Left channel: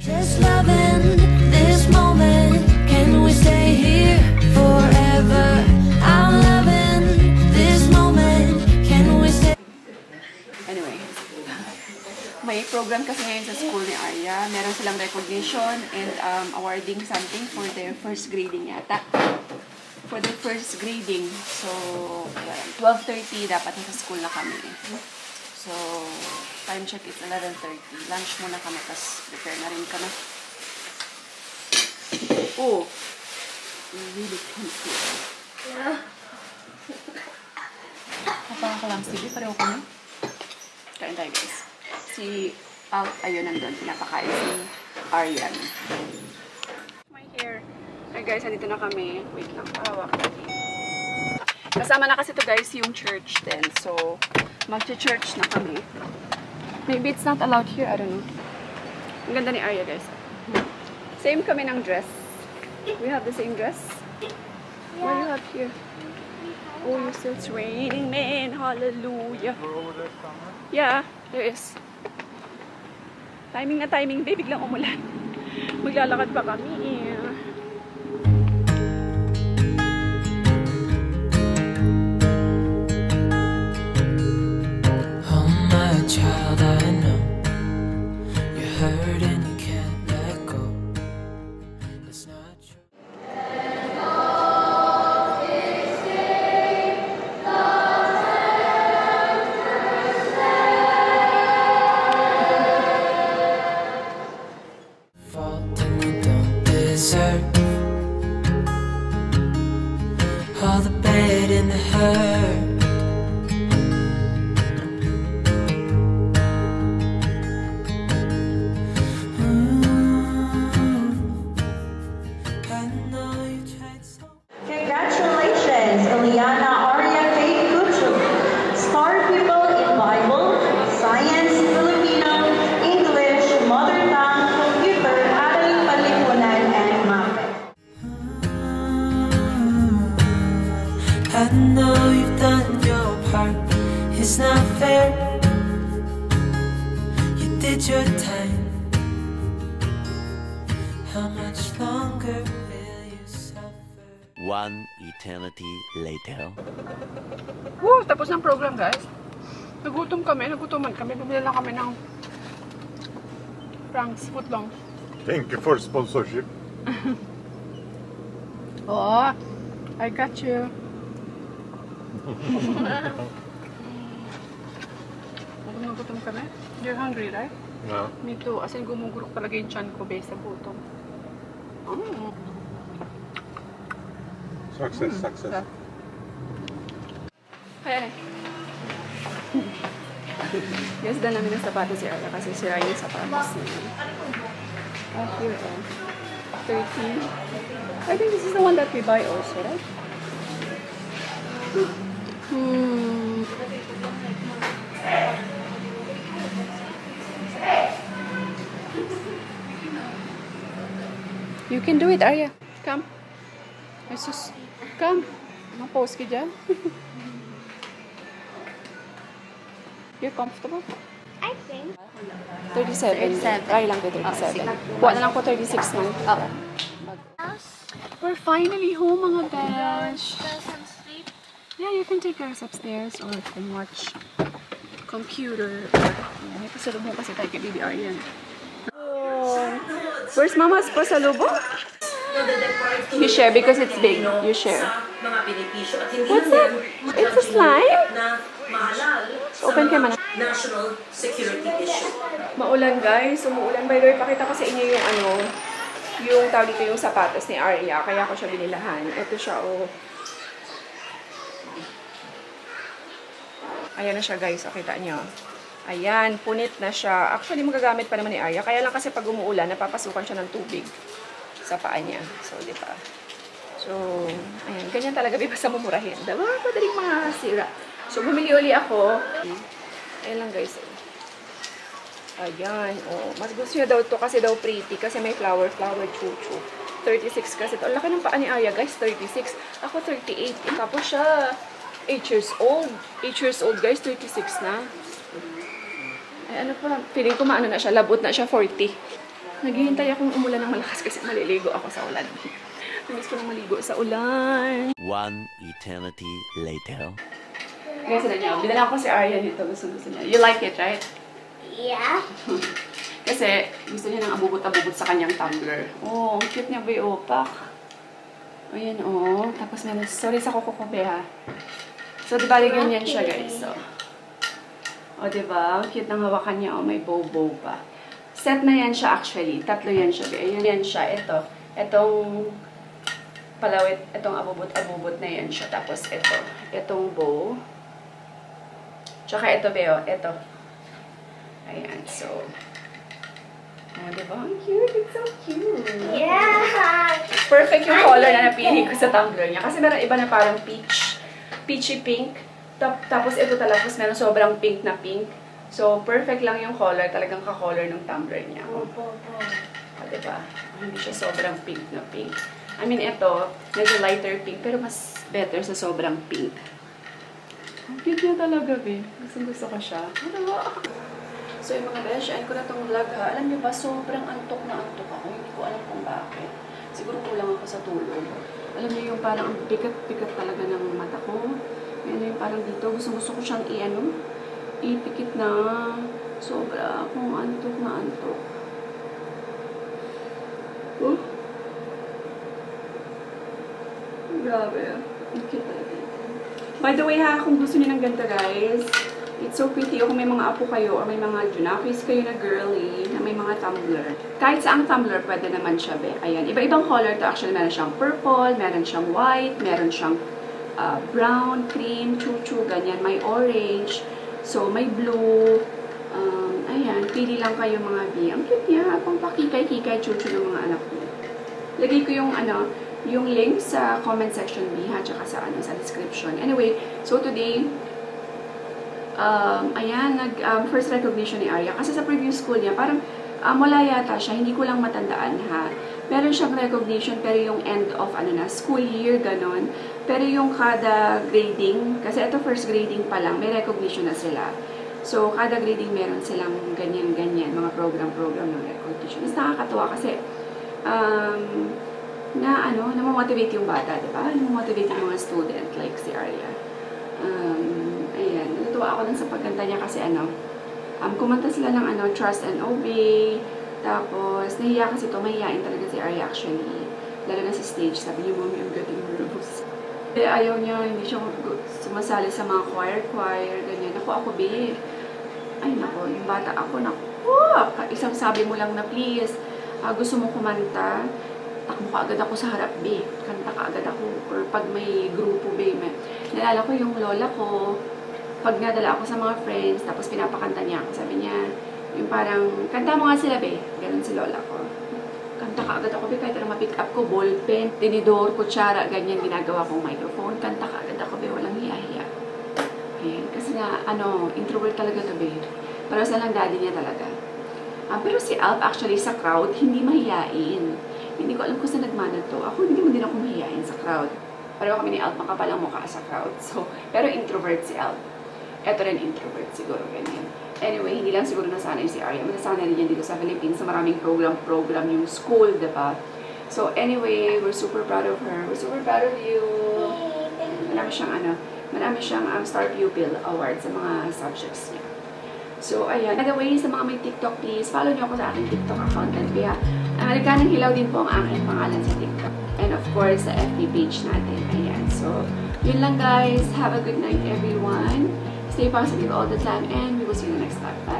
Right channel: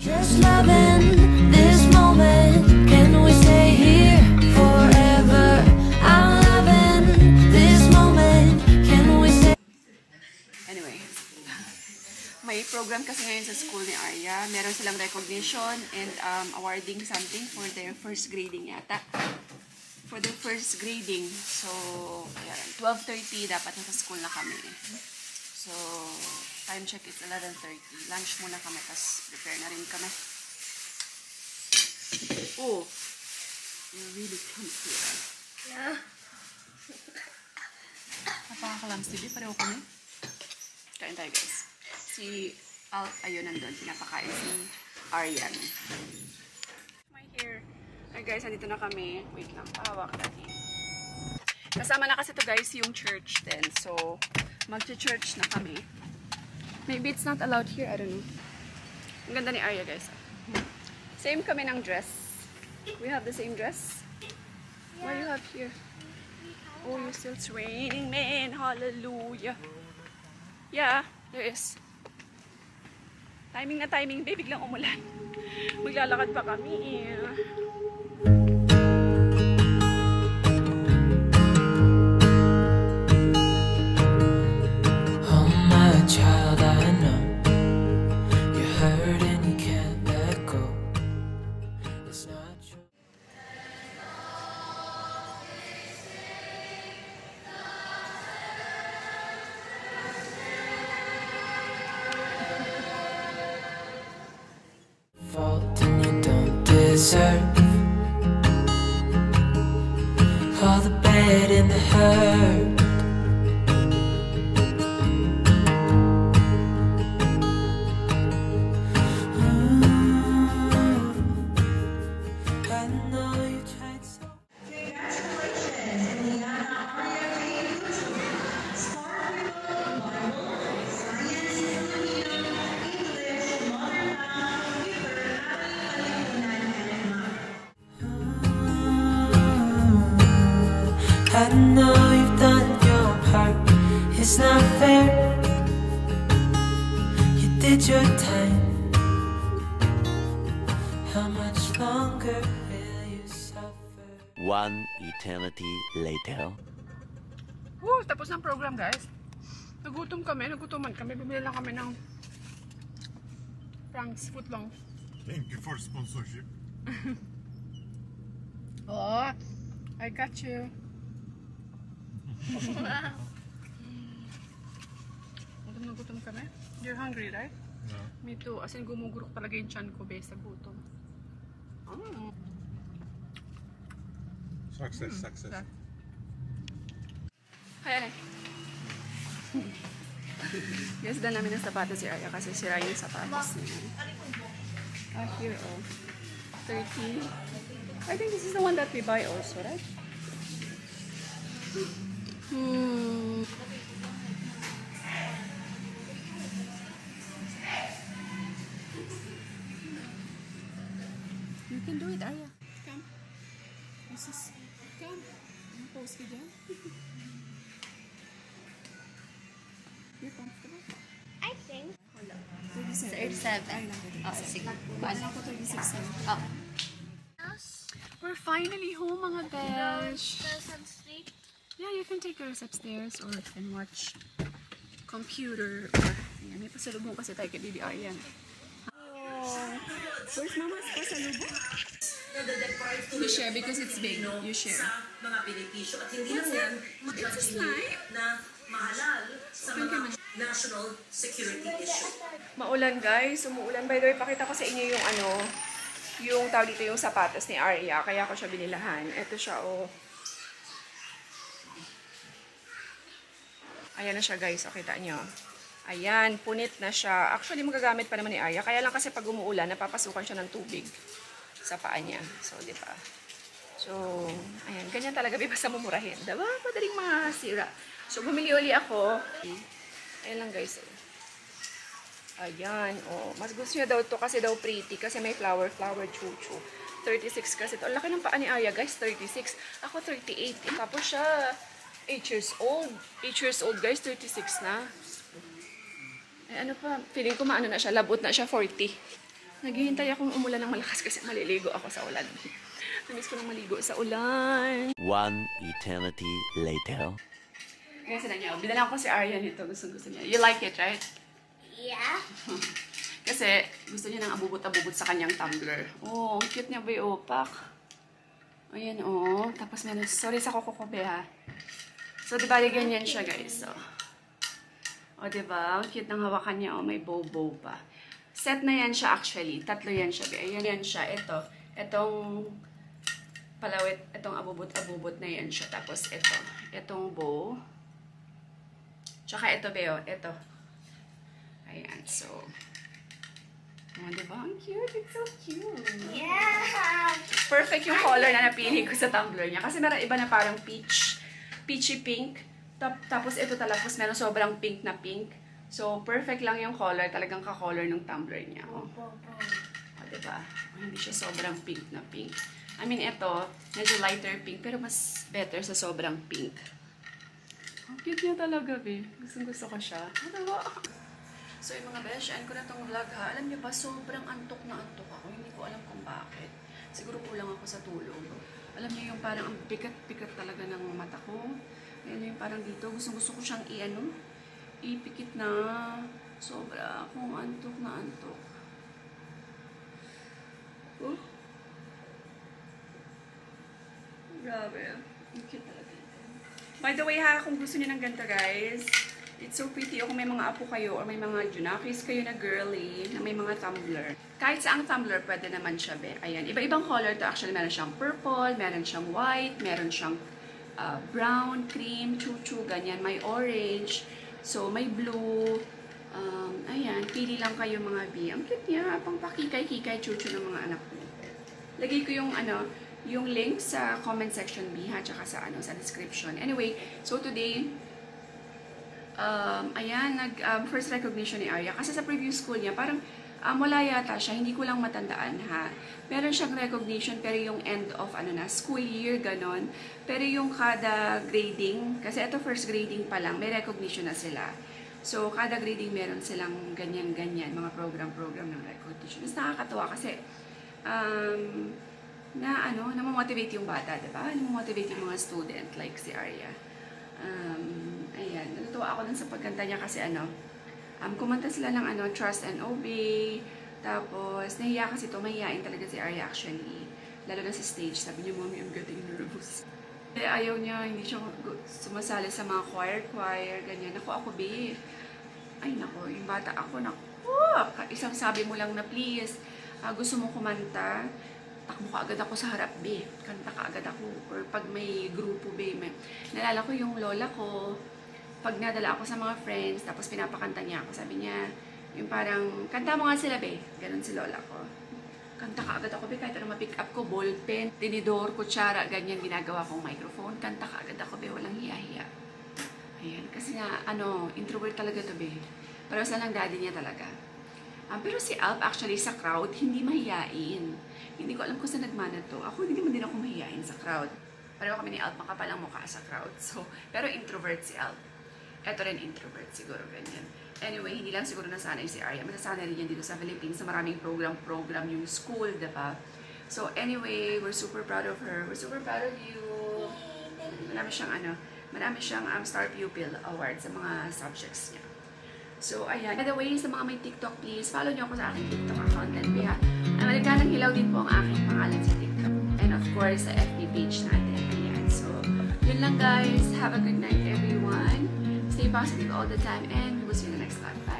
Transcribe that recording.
Just loving this moment. Can we stay here forever? I'm loving this moment. Can we stay? Anyway, may program kasi ngayon sa school ni Arya. Meron silang recognition and awarding something for their first grading yata. For their first grading. So, 12:30 dapat nasa school na kami. So, time check is 11:30. Lunch muna kami, tapos prepare na rin kami. Oh, you're really comfy. Yeah. Kapag ako lang, Stevie, pareho kami. Kain tayo, guys. Si Al, ayun, nandun. Pinapakain si Aryan. My hair. Hey guys, andito na kami. Wait lang, pahawak natin. Kasama na kasi to guys yung church din. So, mag-church na kami. Maybe it's not allowed here, I don't know. Ang ganda ni Arya guys. Same kami ng dress. We have the same dress. Yeah. What do you have here? Oh, you still it's raining, man. Hallelujah. Yeah, there is. Timing na timing, babe. Biglang umulan. Maglalakad pa kami. Child, I know you're hurt and you can't let go. It's not true. Fault and you don't deserve all the bad and the hurt. Congratulations, Eliana Arya K. Kuchu. Star pupil in Bible, Science, Filipino, English, Mother Tongue, Computer, Aral Panlipunan, and Math. I know you've done your part. It's not fair. You did your time. How much longer will you suffer? One eternity later. Woo! Tapos ng program, guys. Nagutom kami. Nagutoman kami. Bumili lang kami ng Frank's footlong. Thank you for sponsorship. Oh, I got you. Nagutom kami. You're hungry, right? No. Me too. As in, gumugurok talaga yung chan ko based sa gutom. Success, success. Hey. Yes, dan namin ng sapatos si Arya kasi sira yung sapatos niya. Here, oh. 13. I think this is the one that we buy also, right? You can do it, Arya. Come. Jesus. Come. Ma-pose ka dyan. You're comfortable? I think. 37. Ay lang ko 37. Buwan na lang ko 36 na. Okay. We're finally home, mga besh. Sleep. Yeah, you can take yours upstairs or you can watch computer. Or, may pasalubong kasi tayo kay Baby Aryan. Oh. Where's Mama's pasalubong? You share because it's big. You share. What's that? It's a slime? Open ka man. National security issue. Maulan guys. Umuulan. By the way, pakita ko sa inyo yung yung tawag dito yung sapatos ni Arya. Kaya ko siya binilahan. Ito siya, oh. Ayan na siya guys. O, kita nyo. Ayan, punit na siya. Actually, magagamit pa naman ni Arya. Kaya lang kasi pag umuulan, napapasukan siya ng tubig sa paa niya. So, di ba? So, ayan. Ganyan talaga basta mumurahin. Diba? Madaling masira. So, bumili uli ako. Ayan lang guys. Ayan. Oh. Mas gusto niya daw to kasi daw pretty. Kasi may flower, chuchu. 36 kasi ito. Ang laki ng paa ni Arya guys. 36. Ako 38. Tapos siya 8 years old. 8 years old guys. 36 na. Ay, ano pa? Feeling ko maano na siya. Labot na siya. 40. Naghihintay akong umulan ng malakas kasi maliligo ako sa ulan. Namiss ko nang maligo sa ulan. One eternity later. Guys, binala ko si Arya nito. Gusto niya. You like it, right? Yeah. Kasi gusto niya ng abubot-abubot sa kanyang tumbler. Oh, ang cute niya ba yung opak? Ayan, oh. Tapos meron, sorry sa kukukobe ha. So, diba, ganyan siya, guys. So, o, diba? Cute ng hawakan niya. O, may bow-bow pa. Set na yan siya, actually. Tatlo yan siya. Ayan yan siya. Ito. Itong palawit. Itong abubot-abubot na yan siya. Tapos, ito. Itong bow. Tsaka ito, Beo. Ito. Ayan. So, o, diba? Ang cute. It's so cute. Yeah. Perfect yung color na napili ko sa tumbler niya. Kasi meron iba na parang peachy pink. Tapos ito tapos meron sobrang pink na pink. So, perfect lang yung color. Talagang ka-color ng tumbler niya. O, diba? Hindi siya sobrang pink na pink. I mean, ito, medyo lighter pink, pero mas better sa sobrang pink. Ang cute niya talaga, babe. Gusto ko siya. Diba? So, yung mga besh, end ko na itong vlog, ha. Alam niyo ba, sobrang antok na antok ako. Hindi ko alam kung bakit. Siguro kulang ako sa tulog. Alam niyo yung parang pikat-pikat talaga ng mata ko. Yan yung parang dito. Gusto ko siyang ipikit na. Sobra akong antok na antok. Grabe. Ang cute talaga. By the way, ha, kung gusto niyo ng ganito, guys, it's so pretty. Kung may mga apo kayo or may mga junakis kayo na girly, na may mga tumbler. Kahit saang tumbler, pwede naman siya, be. Ayan. Iba-ibang color to. Actually, meron siyang purple, meron siyang white, meron siyang brown, cream, chuchu, ganyan. May orange. So, may blue. Ayan. Pili lang kayo mga B. Ang cute niya. Pang pakikay-kikay, chuchu ng mga anak ko. Lagay ko yung link sa comment section B, ha, tsaka sa description. Anyway, so today, ayan, first recognition ni Arya. Kasi sa previous school niya, parang wala yata siya, hindi ko lang matandaan, ha. Meron siyang recognition, pero yung end of, school year, ganon. Pero yung kada grading, kasi ito first grading pa lang, may recognition na sila. So, kada grading meron silang ganyan-ganyan, mga program-program ng recognition. Mas nakakatawa kasi, namamotivate yung bata, diba? Namamotivate yung mga student, like si Arya. Ayan, natutuwa ako dun sa pagkanta niya kasi kumanta sila ng Trust and Obey. Tapos, nahiya kasi ito, mahihain talaga si Arya actually. Lalo na sa stage, sabi niya, Mommy, I'm getting nervous. Ayaw niya, hindi siya sumasali sa mga choir, ganyan. Ako, babe. Ay, nako, yung bata ako, isang sabi mo lang na, please, gusto mo kumanta, takbo ka agad ako sa harap, babe. Kanta ka agad ako. Or pag may grupo, babe. Nalala ko yung lola ko, pag nadala ako sa mga friends, tapos pinapakanta niya ako, sabi niya, yung parang, kanta mo nga sila, babe. Ganun si lola ko. Kanta ka agad ako, babe. Kahit ma-pick up ko, ballpen, tinidor, kutsara, ganyan, ginagawa kong microphone. Kanta ka agad ako, babe. Walang hiya-hiya. Ayan. Kasi nga, introvert talaga to, babe. Pero sa lang daddy niya talaga. Pero si Alp, actually, sa crowd, hindi mahiyain. Hindi ko alam kung saan nagmana to. Ako, hindi mo din ako mahiyain sa crowd. Pareho kami ni Alp, makapalang mukha sa crowd. So, pero introvert si Alp. Eto rin introvert, siguro, ganyan. Anyway, hindi lang siguro nasanay si Arya. Masasanay rin yan dito sa Philippines sa maraming program yung school, diba? So, anyway, we're super proud of her. We're super proud of you. Marami siyang Star Pupil Award sa mga subjects niya. So, ayan. By the way, sa mga may TikTok, please, follow niyo ako sa aking TikTok account. And kaya, Nagkanang Hilaw din po ang aking pangalan sa TikTok. And of course, sa FB page natin. Ayan. So, yun lang guys. Have a good night, everyone. Stay positive all the time. And we will see you in the next time. Bye!